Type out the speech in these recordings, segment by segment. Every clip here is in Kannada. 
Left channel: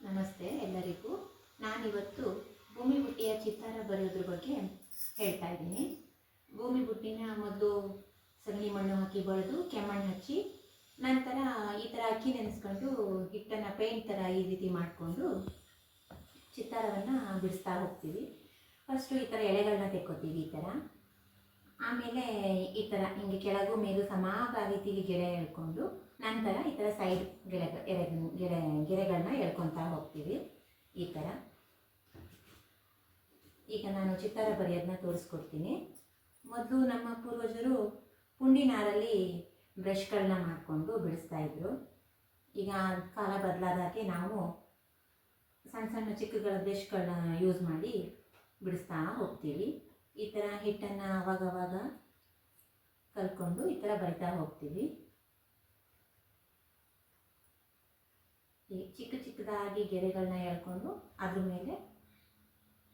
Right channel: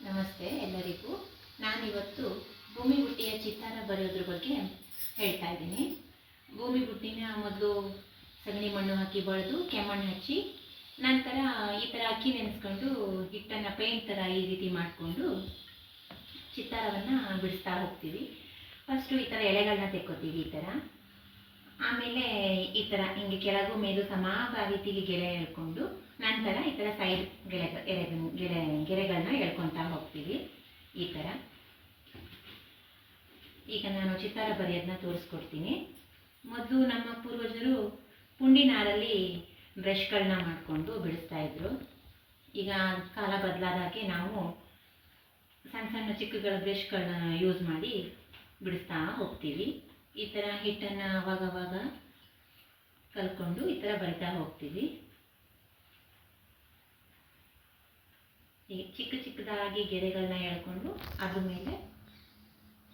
ನಮಸ್ತೆ ಎಲ್ಲರಿಗೂ. ನಾನಿವತ್ತು ಭೂಮಿ ಬುಟ್ಟಿಯ ಚಿತ್ತಾರ ಬರೆಯೋದ್ರ ಬಗ್ಗೆ ಹೇಳ್ತಾ ಇದ್ದೀನಿ. ಭೂಮಿ ಬುಟ್ಟಿನ ಮೊದಲು ಸಗಣಿ ಮಣ್ಣು ಹಾಕಿ ಬಳಿದು ಕೆಮ್ಮಣ್ಣು ಹಚ್ಚಿ ನಂತರ ಈ ಥರ ಅಕ್ಕಿ ನೆನೆಸ್ಕೊಂಡು ಹಿಟ್ಟನ್ನು ಪೇಂಟ್ ಥರ ಈ ರೀತಿ ಮಾಡಿಕೊಂಡು ಚಿತ್ತಾರವನ್ನು ಬಿಡಿಸ್ತಾ ಹೋಗ್ತೀವಿ. ಫಸ್ಟು ಈ ಥರ ಎಳೆಗಳನ್ನ ತೆಕ್ಕೋತೀವಿ ಈ ಥರ. ಆಮೇಲೆ ಈ ಥರ ಹಿಂಗೆ ಕೆಳಗೂ ಮೇಲೂ ರೀತಿಗೆ ಗೆರೆ ಎಳ್ಕೊಂಡು ನಂತರ ಈ ಥರ ಸೈಡ್ ಗೆರೆಗಳನ್ನ ಎಳ್ಕೊತಾ ಹೋಗ್ತೀವಿ ಈ ಥರ. ಈಗ ನಾನು ಚಿತ್ತಾರ ಬರೆಯೋದನ್ನ ತೋರಿಸ್ಕೊಡ್ತೀನಿ. ಮೊದಲು ನಮ್ಮ ಪೂರ್ವಜರು ಪುಂಡಿ ನಾರಲ್ಲಿ ಬ್ರಷ್ಗಳನ್ನ ಮಾಡಿಕೊಂಡು ಬಿಡಿಸ್ತಾಯಿದ್ರು. ಈಗ ಕಾಲ ಬದಲಾದಾಗೆ ನಾವು ಸಣ್ಣ ಸಣ್ಣ ಚಿಕ್ಕಗಳ ಬ್ರಷ್ಗಳನ್ನ ಯೂಸ್ ಮಾಡಿ ಬಿಡಿಸ್ತಾ ಹೋಗ್ತೀವಿ. ಈ ಥರ ಹಿಟ್ಟನ್ನು ಅವಾಗವಾಗ ಕಲ್ಕೊಂಡು ಈ ಥರ ಬರಿತಾ ಹೋಗ್ತೀವಿ. ಈ ಚಿಕ್ಕದಾಗಿ ಗೆರೆಗಳನ್ನ ಎಳ್ಕೊಂಡು ಅದ್ರ ಮೇಲೆ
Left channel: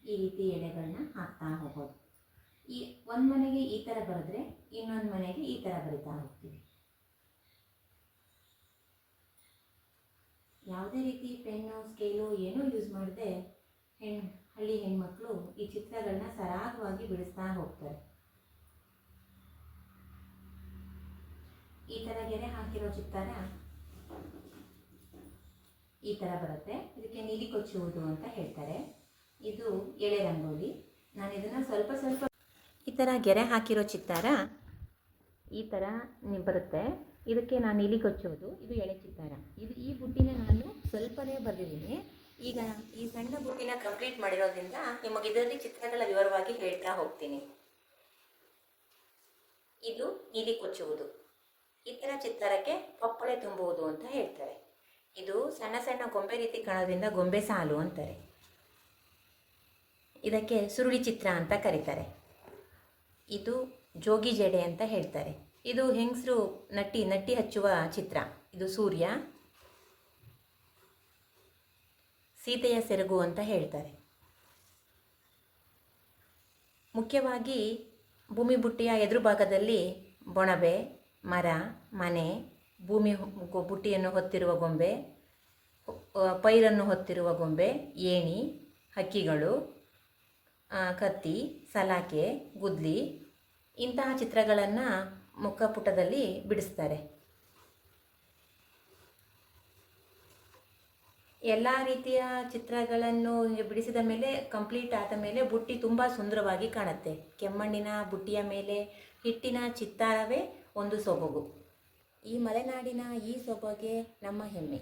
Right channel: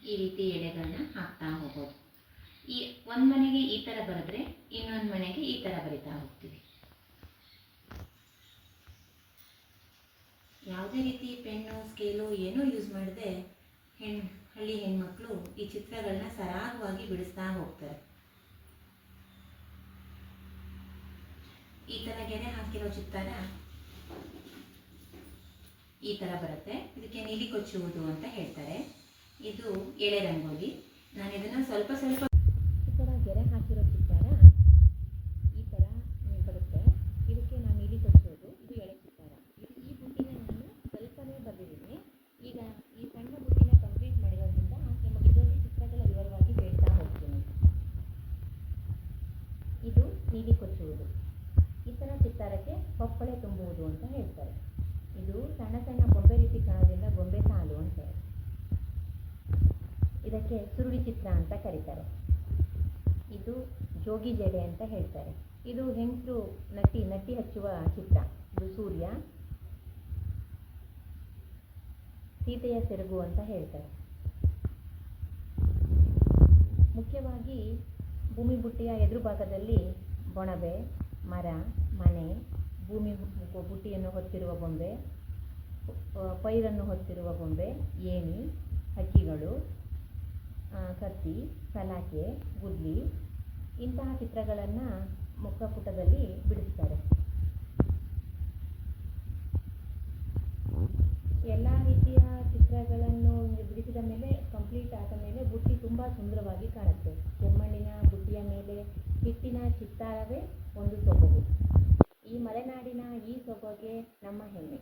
ಈ ರೀತಿ ಎಳೆಗಳನ್ನ ಹಾಕ್ತಾ ಹೋಗೋದು. ಈ ಒಂದು ಮನೆಗೆ ಈ ಥರ ಬರೆದ್ರೆ ಇನ್ನೊಂದು ಮನೆಗೆ ಈ ಥರ ಬರಿತಾ ಹೋಗ್ತೀವಿ. ಯಾವುದೇ ರೀತಿ ಪೆನ್ನು ಸ್ಕೇಲು ಏನೂ ಯೂಸ್ ಮಾಡದೆ ಹಳ್ಳಿ ಹೆಣ್ಮಕ್ಳು ಈ ಚಿತ್ರಗಳನ್ನ ಸರಾಗವಾಗಿ ಬಿಡಿಸ್ತಾ ಹೋಗ್ತಾರೆ. ಈ ಥರ ಗೆರೆ ಹಾಕಿರೋ ಚಿತ್ತಾರ ಈ ಥರ ಬರುತ್ತೆ. ಇದಕ್ಕೆ ನೀಲಿ ಕೊಚ್ಚುವುದು ಅಂತ ಹೇಳ್ತಾರೆ. ಇದು ಎಳೆ ರಂಗೋಲಿ. ನಾನು ಇದನ್ನು ಸ್ವಲ್ಪ ಈ ಥರ ಗೆರೆ ಹಾಕಿರೋ ಚಿತ್ತಾರ ಈ ಥರ ಬರುತ್ತೆ. ಇದಕ್ಕೆ ನಾನು ನೀಲಿ ಕೊಚ್ಚುವುದು. ಇದು ಎಳೆ ಚಿತ್ತಾರ. ಈ ಬುಟ್ಟಿನ ನಾನು ಸ್ವಲ್ಪನೇ ಬರೆದಿದ್ದೀನಿ. ಈಗ ಈ ಸಣ್ಣ ಬುಟ್ಟಿನ ಕಂಪ್ಲೀಟ್ ಮಾಡಿರೋದ್ರಿಂದ ನಿಮಗೆ ಇದರಲ್ಲಿ ಚಿತ್ರಗಳ ವಿವರವಾಗಿ ಹೇಳ್ತಾ ಹೋಗ್ತೀನಿ. ಇದು ನೀಲಿ ಕೊಚ್ಚುವುದು. ಈ ಥರ ಚಿತ್ತಾರಕ್ಕೆ ಪಪ್ಪಳೆ ತುಂಬುವುದು ಅಂತ ಹೇಳ್ತಾರೆ. ಇದು ಸಣ್ಣ ಸಣ್ಣ ಗೊಂಬೆ ರೀತಿ ಕಾಣೋದ್ರಿಂದ ಗೊಂಬೆ ಸಾಲು ಅಂತಾರೆ. ಇದಕ್ಕೆ ಸುರುಳಿ ಚಿತ್ರ ಅಂತ ಕರೀತಾರೆ. ಇದು ಜೋಗಿ ಜಡೆ ಅಂತ ಹೇಳ್ತಾರೆ. ಇದು ಹೆಂಗಸರು ನಟ್ಟಿ ಹಚ್ಚುವ ಚಿತ್ರ. ಇದು ಸೂರ್ಯ, ಸೀತೆಯ ಸೆರಗು ಅಂತ ಹೇಳ್ತಾರೆ. ಮುಖ್ಯವಾಗಿ ಭೂಮಿ ಬುಟ್ಟಿಯ ಎದುರು ಭಾಗದಲ್ಲಿ ಬೊಣಬೆ, ಮರ, ಮನೆ, ಭೂಮಿ ಬುಟ್ಟಿಯನ್ನು ಹೊತ್ತಿರುವ ಗೊಂಬೆ, ಪೈರನ್ನು ಹೊತ್ತಿರುವ ಗೊಂಬೆ, ಏಣಿ, ಹಕ್ಕಿಗಳು, ಕತ್ತಿ, ಸಲಾಕೆ, ಗುದ್ಲಿ ಇಂತಹ ಚಿತ್ರಗಳನ್ನು ಮುಖಪುಟದಲ್ಲಿ ಬಿಡಿಸ್ತಾರೆ. ಎಲ್ಲ ರೀತಿಯ ಚಿತ್ರಗಳನ್ನು ಬಿಡಿಸಿದ ಮೇಲೆ ಕಂಪ್ಲೀಟ್ ಆದ ಮೇಲೆ ಬುಟ್ಟಿ ತುಂಬ ಸುಂದರವಾಗಿ ಕಾಣುತ್ತೆ. ಕೆಮ್ಮಣ್ಣಿನ ಬುಟ್ಟಿಯ ಮೇಲೆ ಹಿಟ್ಟಿನ ಚಿತ್ತಾರವೇ ಒಂದು ಸೊಬಗು. ಈ ಮಲೆನಾಡಿನ ಈ ಸೊಬಗೆ ನಮ್ಮ ಹೆಮ್ಮೆ.